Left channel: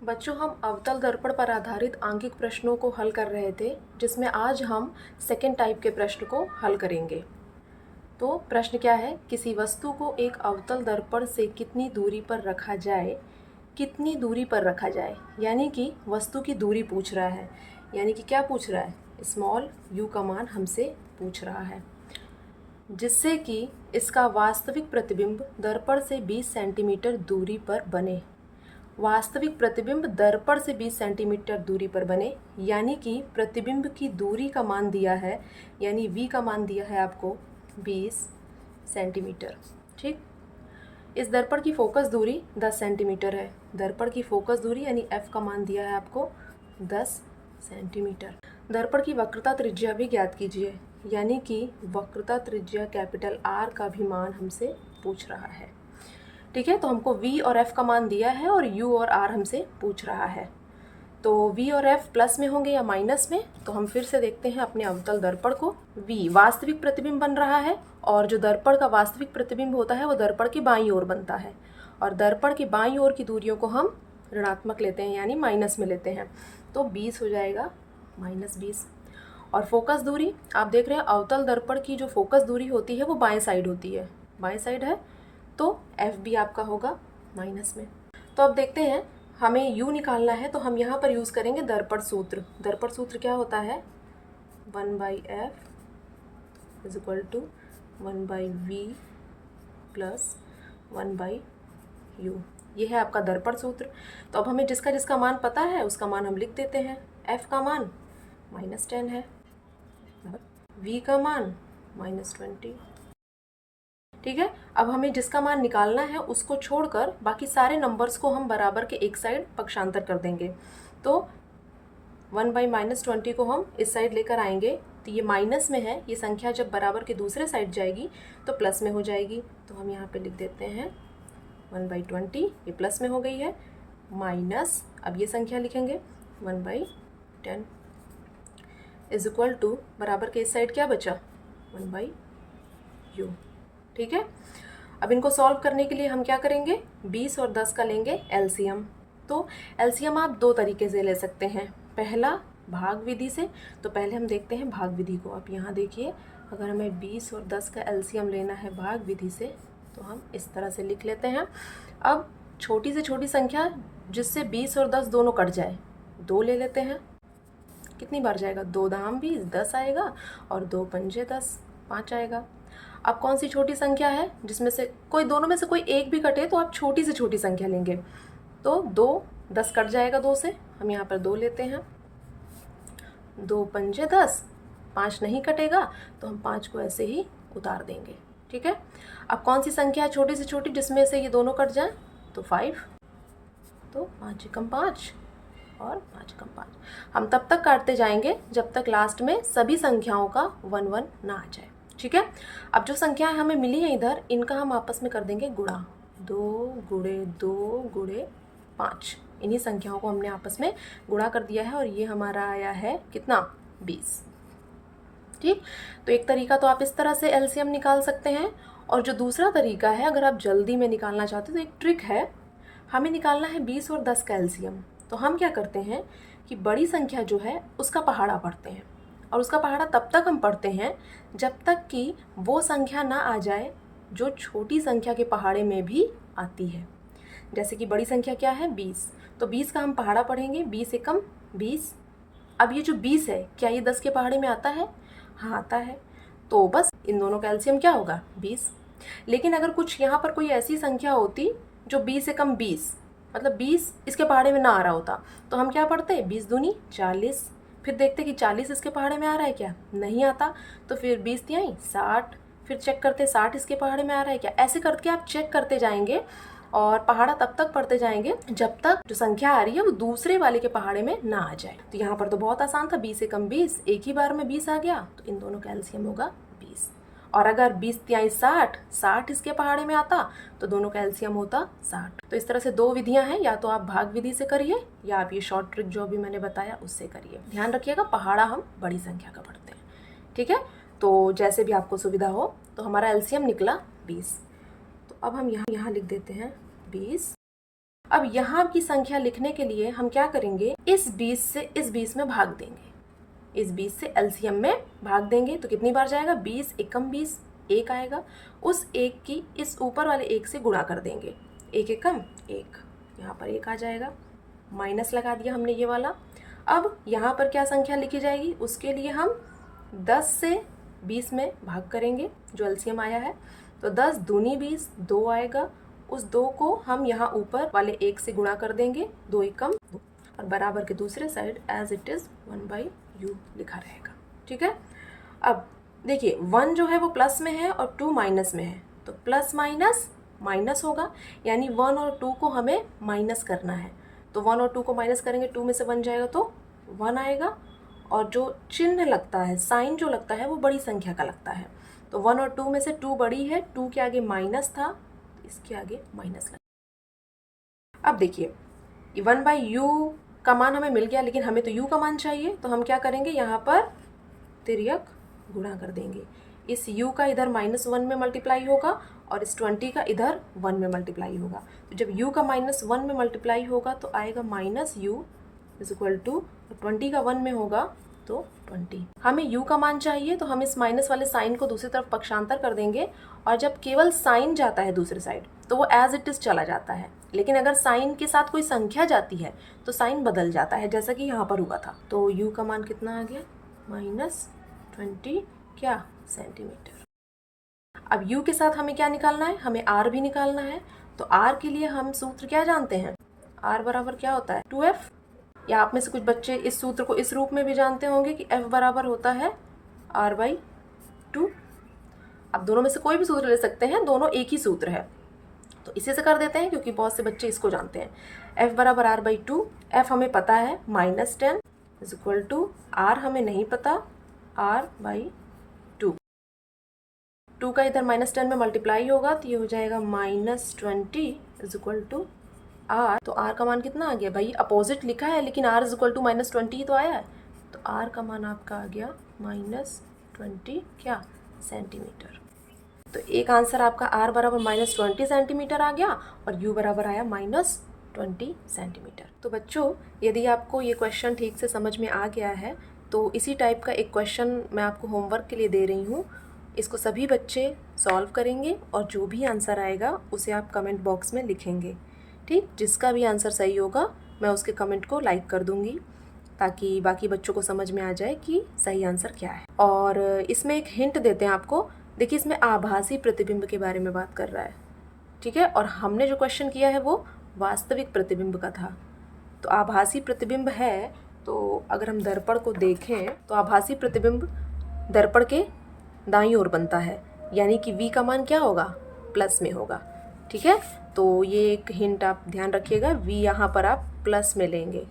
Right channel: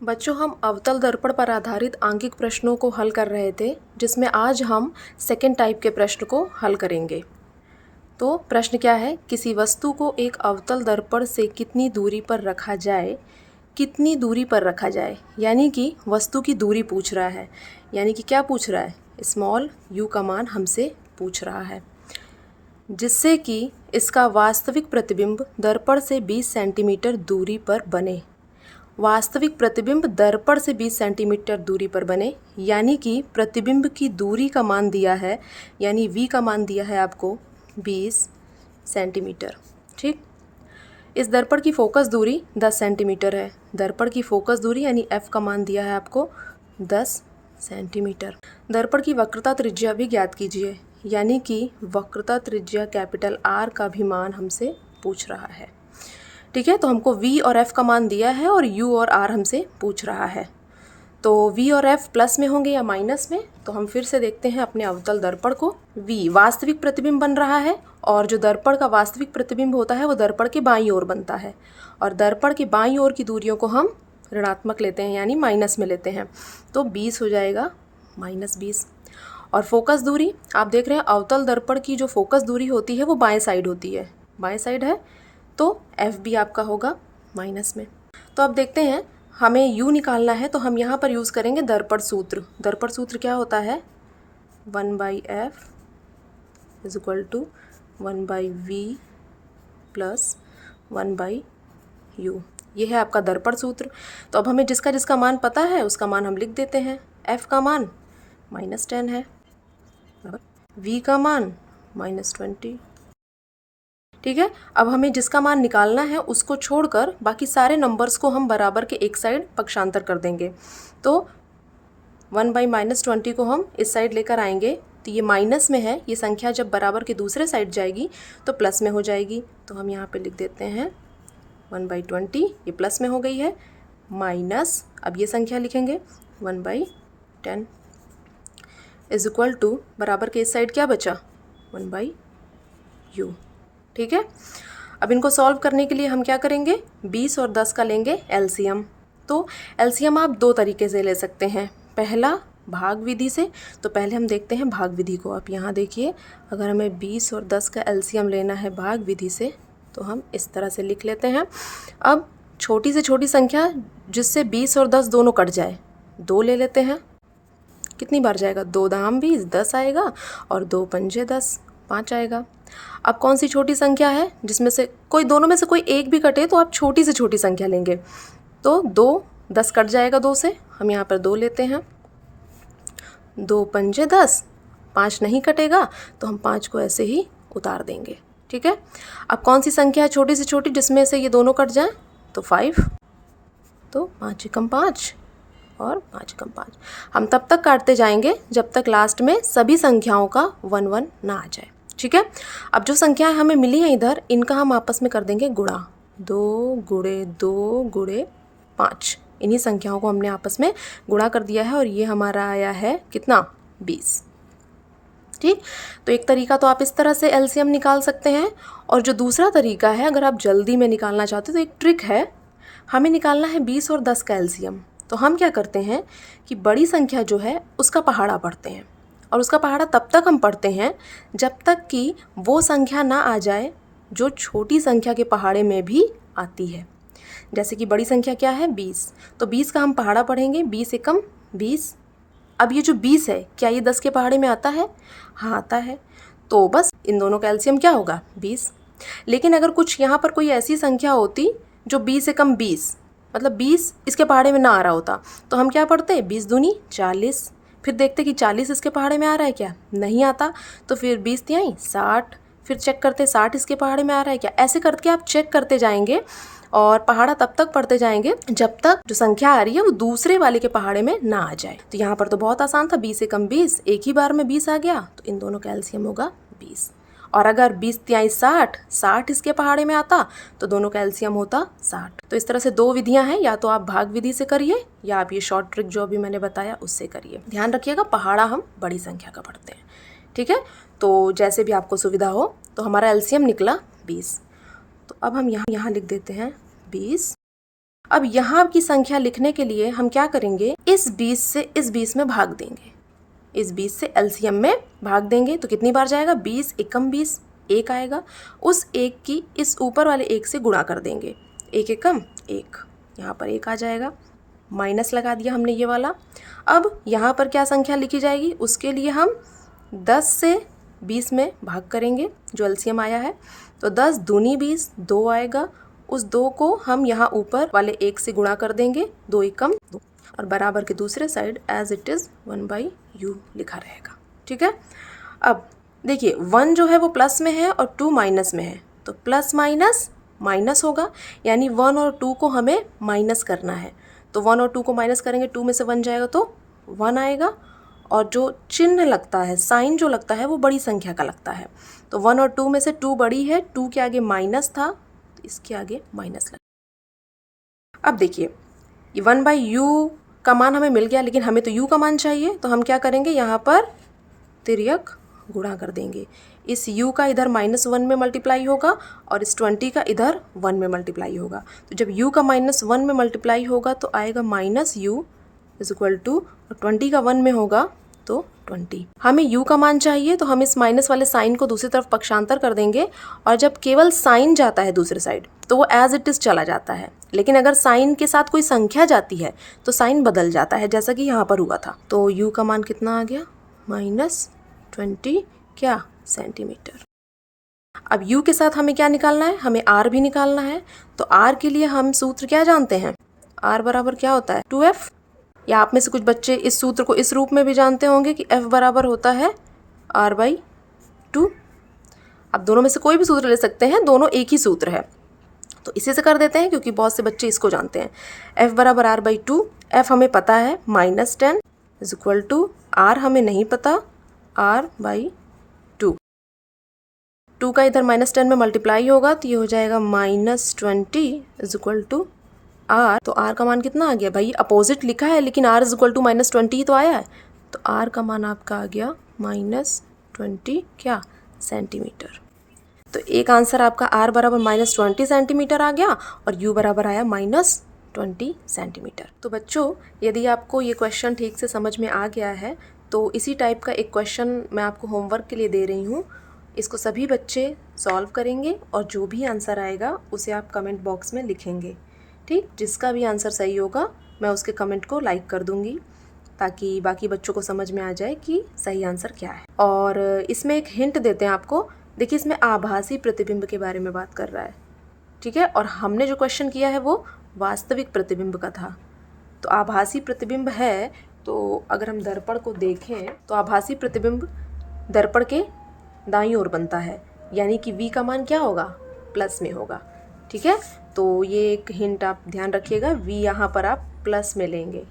बच्चों, हम अवतल दर्पण पर आधारित आंकिक प्रश्नों को हल कर रहे थे, जिसमें आज हम सेकंड टाइप के प्रश्न को हल करेंगे। तो प्रश्न क्या है, किसी वस्तु को एक अवतल दर्पण से कितनी दूरी पर रखा जाए, कितनी दूरी पर रखा जाए, यानी कि वस्तु की दूरी पूछ रहा है। यानी कि क्या पूछ रहा है, स्मॉल u का मान हमसे पूछ रहा है, जिससे कि इसका वास्तविक प्रतिबिंब दर्पण से 20 सेंटीमीटर दूरी पर बने। वास्तविक प्रतिबिंब दर्पण से 20 सेंटीमीटर दूरी पर बने, यानी कि प्रतिबिंब की दूरी का मान दिया है, यानी v का मान दिया है आपको 20 सेंटीमीटर। ठीक, इस दर्पण की फोकस दूरी 10 सेंटीमीटर है। दर्पण की फोकस दूरी यानी f का मान दिया है आपको 10 सेंटीमीटर। दर्पण की वक्रता त्रिज्या भी ज्ञात कीजिए, यानी कि वक्रता त्रिज्या कैपिटल R का भी मान हमसे पूछ रहा है। ठीक है, तो हमको v और f का मान दिया है और u और r हमसे पूछ रहा है। तो v और f प्लस में होंगे या माइनस में, तो हम फिर से देखते हैं अपने अवतल दर्पण को। v वास्तविक प्रतिबिंब बन रहा है, और जो दर्पण का वास्तविक प्रतिबिंब होता है वो दर्पण के बाईं ओर बनता है, और दर्पण के बाईं ओर की दूरियों को हम ऋणात्मक लेते हैं, यानी माइनस में लेते हैं। तो 20 हो जाएगा -20। और फोकस दूरी आप देख रहे हैं, अवतल दर्पण की जो फोकस दूरी होती है वो बाएं साइड होती है, बाएं साइड है, तो f भी आपका होगा माइनस में। तो अब देखते हैं, हमें u निकालना है, तो हम यहाँ पर यूज़ करेंगे दर्पण सूत्र। दर्पण सूत्र क्या होता है, 1/f = 1/v + 1/u। ये है आपका दर्पण सूत्र। तो अब हमें जिसका जिसका मान पता है उसका मान हम लिख देते हैं। f का मान -10 है, v का मान -20। ठीक है, अब हमें जिसका मान निकालना है उसको छोड़कर बाकी सारे नंबर्स को हम बराबर के एक साइड पक्षांतर कर देंगे। तो 1/-20 को हम इस साइड लेकर आएंगे, तो ये माइनस में है, ये संख्या जब बराबर के दूसरे साइड जाएगी तो प्लस में हो जाएगी। तो हम यहाँ पे लिख देते हैं 1/20, ये प्लस में हो गई है, माइनस, अब ये संख्या लिखेंगे 1/10 = बराबर के इस साइड क्या बचा, 1/u। ठीक है, अब इनको सॉल्व करने के लिए हम क्या करेंगे, 20 और 10 का लेंगे एलसीएम। तो एलसीएम आप दो तरीके से ले सकते हैं, पहला भाग विधि से। तो पहले हम देखते हैं भाग विधि को। आप यहाँ देखिए, अगर हमें 20 और 10 का एलसीएम लेना है भाग विधि से, तो हम इस तरह से लिख लेते हैं। अब छोटी से छोटी संख्या जिससे 20 और 10 दोनों कट जाए, 2 ले लेते हैं। कितनी बार जाएगा, 2 दाम 20, 10 आएगा, और 2 पंजे 10, 5 आएगा। अब कौन सी छोटी संख्या है जिसमें से कोई, दोनों में से कोई एक भी कटे तो आप छोटी से छोटी संख्या लेंगे। तो 2, 10 कट जाएगा 2 से, हम यहाँ पर 2 लेते हैं। 2 पंजे 10, 5 नहीं कटेगा, तो हम 5 को ऐसे ही उतार देंगे। ठीक है, अब कौन सी संख्या है छोटी से छोटी जिसमें से ये दोनों कट जाए, तो 5। तो 5 × 5 और 5 × 5। हम तब तक काटते जाएंगे जब तक लास्ट में सभी संख्याओं का 1-1 ना आ जाए। ठीक है, अब जो संख्याएं हमें मिली हैं इधर, इनका हम आपस में कर देंगे गुणा। 2 × 2 × 5, इन्हीं संख्याओं को हमने आपस में गुणा कर दिया है, और ये हमारा आया है कितना, 20। ठीक, तो एक तरीका तो आप इस तरह से एलसीएम निकाल सकते हैं, और जो दूसरा तरीका है, अगर आप जल्दी में निकालना चाहते हो तो एक ट्रिक है, हमें निकालना है 20 और 10 का एलसीएम। तो हम क्या करते हैं कि बड़ी संख्या जो है उसका पहाड़ा पढ़ते हैं, और उसका पहाड़ा तब तक हम पढ़ते हैं जब तक कि वो संख्या ना आ जाए जो छोटी संख्या के पहाड़े में भी आती है। जैसे कि बड़ी संख्या क्या है, 20, तो 20 का हम पहाड़ा पढ़ेंगे, 20 × 20। अब ये जो 20 है, क्या ये 10 के पहाड़े में आता है, हाँ आता है, तो बस इन दोनों का एलसीएम क्या होगा, 20। लेकिन अगर कुछ यहाँ पर कोई ऐसी संख्या होती जो 20 × 20, मतलब 20 इसके पहाड़े में ना आ रहा होता, तो हम क्या पढ़ते, 20 दूनी 40, फिर देखते कि 40 इसके पहाड़े में आ रहा है क्या, नहीं आता, तो फिर 20 तिहाई 60, फिर चेक करते 60 इसके पहाड़े में आ रहा है क्या। ऐसे करके आप चेक करते जाएंगे और पहाड़ा तब तक पढ़ते जाएंगे जब तक जो संख्या आ रही है वो दूसरे वाले के पहाड़े में ना आ जाए। तो यहाँ पर तो बहुत आसान था, 20 × 20, एक ही बार में 20 आ गया, तो इन दोनों का एलसीएम होगा 20। और अगर 20 तिहाई 60, 60 इसके पहाड़े में आता, तो दोनों का एलसीएम होता 60। तो इस तरह से दो विधियां हैं, या तो आप भाग विधि से करिए या आप ये शॉर्ट ट्रिक जो अभी मैंने बताया उससे करिए। ध्यान रखिएगा, पहाड़ा हम बड़ी संख्या का पढ़ते हैं। ठीक है, तो जैसे भी आपको सुविधा हो। तो हमारा एलसीएम निकला 20। तो अब हम यहाँ लिख देते हैं 20 अब यहाँ की संख्या लिखने के लिए हम क्या करेंगे, इस 20 से इस 20 में भाग देंगे, इस 20 से एलसीएम में भाग देंगे तो कितनी बार जाएगा, 20 एकम 20, 1 आएगा। उस 1 की इस ऊपर वाले 1 से गुणा कर देंगे, 1 एकम 1, यहाँ पर 1 आ जाएगा, माइनस लगा दिया हमने ये वाला। अब यहाँ पर क्या संख्या लिखी जाएगी, उसके लिए हम 10 से 20 में भाग करेंगे जो एलसीएम आया है, तो 10 दूनी 20, 2 आएगा। उस 2 को हम यहाँ ऊपर वाले 1 से गुणा कर देंगे, 2 एकम 2, और बराबर के दूसरे side as it is 1/u लिखा रहेगा। ठीक है। अब देखिए 1 जो है वो प्लस में है और 2 माइनस में है, तो प्लस माइनस माइनस होगा, यानी 1 और 2 को हमें माइनस करना है। तो 1 और 2 को माइनस करेंगे, 2 में से 1 जाएगा तो 1 आएगा, और जो चिन्ह लगता है, साइन जो लगता है वो बड़ी संख्या का लगता है। तो 1 और 2 में से 2 बड़ी है, 2 के आगे माइनस था, तो इसके आगे माइनस लगा। अब देखिए ये 1/u का मान हमें मिल गया, लेकिन हमें तो u का मान चाहिए, तो हम क्या करेंगे, यहाँ पर तिर्यक गुणा कर देंगे। इस u का इधर -1 में मल्टीप्लाई होगा और इस 20 का इधर 1 में मल्टीप्लाई होगा। तो जब u का -1 में मल्टीप्लाई होगा तो आएगा -u इज इक्वल टू, और 20 का 1 में होगा तो 20। हमें u का मान चाहिए, तो हम इस माइनस वाले साइन को दूसरी तरफ पक्षांतर कर देंगे, और जब केवल साइन जाता है दूसरी साइड तो वो एज इट इज़ चला जाता है, लेकिन अगर साइन के साथ कोई संख्या जाती है तो साइन बदल जाता है, जैसा कि यहाँ पर हुआ था। तो u का मान कितना आ गया, -20 क्या सेंटीमीटर। अब u के साथ हमें क्या निकालना है, हमें r भी निकालना है। तो r के लिए हम सूत्र क्या जानते हैं, r बराबर क्या होता है, 2f, या आप में से कुछ बच्चे इस सूत्र को इस रूप में भी जानते होंगे कि f बराबर होता है r/2। अब दोनों में से कोई भी सूत्र ले सकते हैं, दोनों एक ही सूत्र है, तो इसी से कर देते हैं क्योंकि बहुत से बच्चे इसको जानते हैं। f बराबर r/2, f हमें पता है -10 इज इक्वल टू r हमें नहीं पता, r/2। 2 का इधर -10 में मल्टीप्लाई होगा तो ये हो जाएगा -20 इज इक्वल टू r। तो r का मान कितना आ गया भाई, अपोजिट लिखा है लेकिन r इज इक्वल टू -20 तो आया है, तो r का मान आपका आ गया -20 क्या सेंटीमीटर। तो एक आंसर आपका r बराबर -20 सेंटीमीटर आ गया और u बराबर आया -20 सेंटीमीटर। तो बच्चों यदि आपको ये क्वेश्चन ठीक से समझ में आ गया है तो इसी टाइप का एक क्वेश्चन मैं आपको होमवर्क के लिए दे रही हूँ। इसको सभी बच्चे सॉल्व करेंगे और जो भी आंसर आएगा उसे आप कमेंट बॉक्स में लिखेंगे। ठीक, जिसका भी आंसर सही होगा मैं उसके कमेंट को लाइक कर दूंगी ताकि बाकी बच्चों को समझ में आ जाए कि सही आंसर क्या है। और इसमें एक हिंट देते हैं आपको, देखिए इसमें आभासी प्रतिबिंब के बारे में बात कर रहा है। ठीक है, और हमने जो क्वेश्चन किया है वो वास्तविक प्रतिबिंब का था। तो आभासी प्रतिबिंब है, तो अगर हम दर्पण को देखें तो आभासी प्रतिबिंब दर्पण के दाईं ओर बनता है, यानी कि v का मान क्या होगा, प्लस में होगा। ठीक है, तो ये एक हिंट आप ध्यान रखिएगा, v यहाँ पर आप प्लस में लेंगे।